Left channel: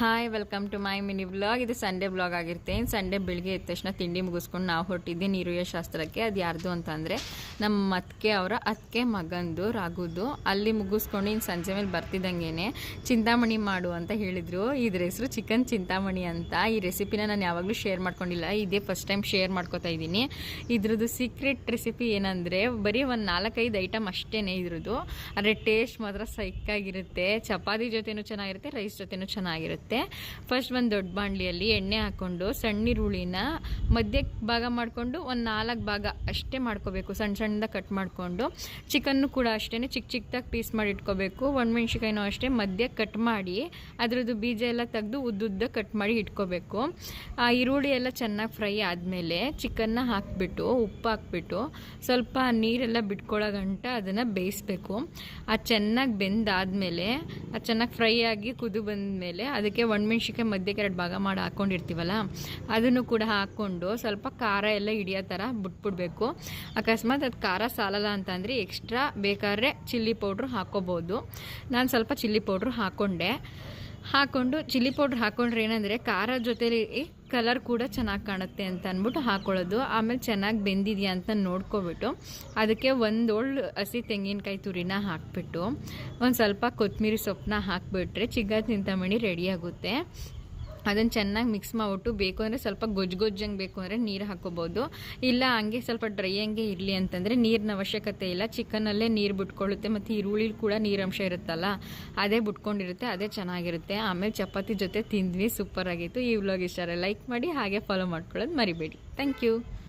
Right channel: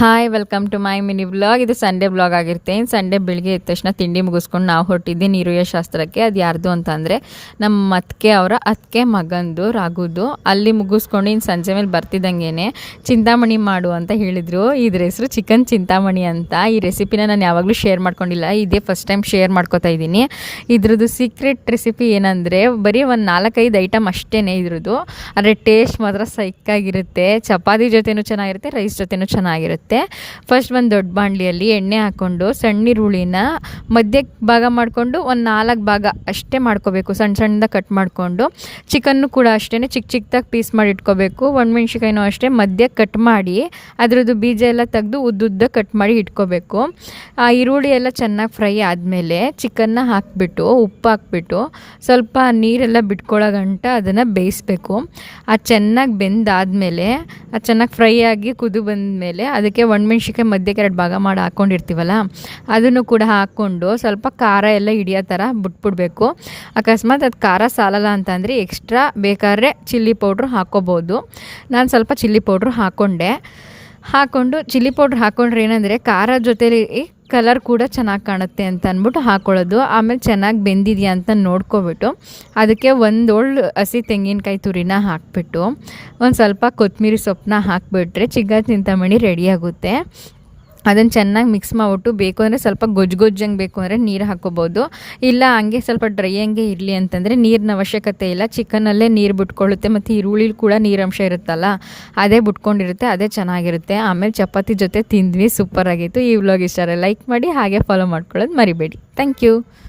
Hi welcome to my mini vlog. ಇದು Sunday vlog ಆಗಿರುತ್ತೆ. Sunday ಬೆಳಿಗ್ಗೆ ಎದ್ದ ತಕ್ಷಣ ತಿಂಡಿ ಮುಗಿಸ್ಕೊಂಡು ನಾವು ಹೊರಟಿದ್ದೆ ನೀರುಯ್ಯ ಶಾಸ್ತ್ರಕ್ಕೆ. ಅದು ಯಾರ್ದು ಅಂತಂದರೆ ನಮ್ಮ ಅತ್ತಿಗೆ ಮಗಂದು ರಾಗುದು. ಅಲ್ಲಿ ಮುಗಿಸ್ಕೊಂಡು ಇನ್ನು ಸಂಜೆ ಮೇಲೆ ಬರ್ತಿದ್ದಂಗೆ ಚಿಂತಾಮಣಿ ಮಾಡು ಅಂತ ಹೇಳಿದರು. ಇದ್ರ ಹೆಸರು ಚಿಕನ್ ಚಿಂತಾಮಣಿ ಅಂತ. ಈ ರೆಸಿಪಿನ ನಾನು ಯಾವಾಗಲೂ ಶೇರ್ ಮಾಡ್ಕೊಂಡಿಲ್ಲ, ಇದೇ ಫಸ್ಟ್ ಟೈಮ್ ಶೇರ್ ಮಾಡ್ಕೊತಾ ಇದ್ದೀನಿ. ಇದ್ರದ್ದು ಸೀಕ್ರೆಟ್ ರೆಸಿಪಿ ಏನಂದರೆ ಬರೀ ಒಂದು 4-5 ಐಟಮ್ ಅಷ್ಟೇ ಇದ್ರದ್ದು. ಆದರೆ ಟೇಸ್ಟ್ ಮಾತ್ರ ಸೈಕ್ಕಾಗಿರುತ್ತೆ. ಚಪಾತಿ ಜೊತೆನೂ ಚೆನ್ನಾಗಿರುತ್ತೆ, ರೈಸ್ ಜೊತೆನೂ ಚೆನ್ನಾಗಿರುತ್ತೆ. ಫಸ್ಟ್ ಒಂದು ದೊಡ್ಡ ಬಾಣಲಿಯಲ್ಲಿ ಎಣ್ಣೆ ಹಾಕ್ಕೊಂಡು ಸಣ್ಣ ಈರುಳ್ಳಿನ ಮಧ್ಯಕ್ಕೆ ಭಾಗ ಮಾಡಿಕೊಂಡು ಒಂದು 4 ಭಾಗ ಅಷ್ಟೇ ಮಾಡ್ಕೋಬೇಕು. ಸಣ್ಣದಾಗಿ ಕಟ್ ಮಾಡಿಕೊಂಡು ಚಿಕನ್ನು ಕೂಡ ಅಷ್ಟೇ ಚಿಕ್ಕದಾಗಿ ಪೀಸ್ ಮಾಡಿ ಇಟ್ಕೋಬೇಕು. ಒಣಮೆಣ್ಸಿಕಾಯಿನೂ ಅಷ್ಟೇ ಮಧ್ಯಕ್ಕೆ ಕಟ್ ಮಾಡಿ ಅದರದ್ದು ಬೀಜ ಎಲ್ಲ ತೆಗೆದು ಉದ್ದುದ್ದ ಕಟ್ ಮಾಡಿ ಇಟ್ಕೋಬೇಕು. ಆ ಈರುಳ್ಳಿ ಎಲ್ಲ ಚೆನ್ನಾಗಿ ಫ್ರೈ ಆದಮೇಲೆ ಚಿಕನ್ನ ಹಾಕಿಬಿಟ್ಟು ಉಪ್ಪು ಹಾಕ್ಬಿಟ್ಟು ಸ್ವಲ್ಪ ನೀರೆಲ್ಲ ಬಿಟ್ಕೊಳ್ಳೋ ಗಂಟ ಅದನ್ನು ಬೇಯಿಸಬೇಕು. ಅದು ಚೆನ್ನಾಗಿ ಬೆಂದಾದಮೇಲೆ ಅದು ಚೆನ್ನಾಗಿ ಫ್ರೈ ಆಗಿ ಕುದು ಬಂದಮೇಲೆ ಅದಕ್ಕೆ ಒಣಮೆಣ್ಸಿಕಾಯಿ ಮಧ್ಯಕ್ಕೆ 2 ಭಾಗ ಮಾಡಿ ಹಾಕ್ಕೊಂಡಿರ್ತೀವಲ್ಲ ಅದನ್ನು ಕೂಡ ಹಾಕ್ಕೊಂಡು ಸ್ವಲ್ಪ ಖಾರ ಎಲ್ಲ ಹಿಡಿಯೋ ಥರ ಬಿಟ್ಬಿಡ್ಬೇಕು. ಅಕಸ್ಮಾತ್ ಅದು ಖಾರ ಸಾಲಲ್ಲ ಅಂತಂದರೆ ಎಕ್ಸ್ಟ್ರಾ ಬೇಕಾದ್ರೆ ಚಿಲ್ಲಿ ಪೌಡ್ರು ಹಾಕ್ಕೋಬೋದು. ನಾನು ಸ್ವಲ್ಪ ಚಿಲ್ಲಿ ಪೌಡ್ರು ಹಾಕ್ಕೊಂಡು ಚಿಲ್ಲಿ ಪೌಡ್ರ್ ಹಾಕ್ಕೊಂಡ್ರೆ ಏನಂದರೆ ಖಾರ ಜೊತೆಲಿ ಕಲರ್ ಕೂಡ ಚೆನ್ನಾಗಿ ಕಾಣುತ್ತೆ ಅಂತ ಅಂದ್ಬಿಟ್ಟು ಹಾಕ್ಕೊಳ್ಳೋದು. ಆಮೇಲೆ ಚೆನ್ನಾಗಿ ಬೆಂದಿದೆಯಾ ಅಂತ ನೋಡ್ಕೊಬಿಟ್ಟು ಅದಕ್ಕೆ ಒಂದು ಹಸಿ ತೆಂಗಿನಕಾಯಿ ತುರಿನ ಹಾಕಿಬಿಟ್ಟು ಒಂದು ಸ್ವಲ್ಪ ಕೊತ್ತಂಬರಿ ಸೊಪ್ಪನ್ನ ಹಾಕಿಬಿಟ್ರೆ ಚಿಕನ್ ಚಿಂತಾಮಣಿ ರೆಡಿಯಾಗುತ್ತೆ. ಅದನ್ನು ಚೆನ್ನಾಗಿ ಮಿಕ್ಸ್ ಮಾಡಿಬಿಟ್ಟು ಬೇಕು ಅಂದರೆ ಸ್ವಲ್ಪ ಗೊಜ್ಜಂಗೆ ಬೇಕು ಅಂದರೆ ನೀರು ಹಾಕ್ಕೋಬೋದು. ಇಲ್ಲ ಹಂಗೆ ಸ್ವಲ್ಪ ಡ್ರೈ ಹಂಗೆ ಇರಲಿ ಅಂತಂದರೆ ನೀರಿನ ಅವಶ್ಯಕತೆ ಇಲ್ಲ. ಚಿಕನಲ್ಲೇ ನೀರು ಬಿಟ್ಕೊಳ್ಳುತ್ತೆ ಮತ್ತು ಈರುಳ್ಳಿ ಕೂಡ ನೀರಂಶ ಇರುತ್ತಲ್ಲ ಅದೇ ಬಿಟ್ಕೊಂಡಿರುತ್ತೆ, ಅದೇ ಚೆನ್ನಾಗಿರುತ್ತೆ. ಆಮೇಲೆ ಚಪಾತಿ ಜೊತೆ ತಿಂದ್ವಿ, ಸೂಪರಾಗಿತ್ತು. ಈ ವ್ಲಾಗ್ ಇಷ್ಟ ಲೈಕ್ ಮಾಡಿ ಹಾಗೆ ಫಾಲೋ ಮಾಡ್ಕೊಳ್ಳೋದು ಮರಿಬೇಡಿ. Thank you.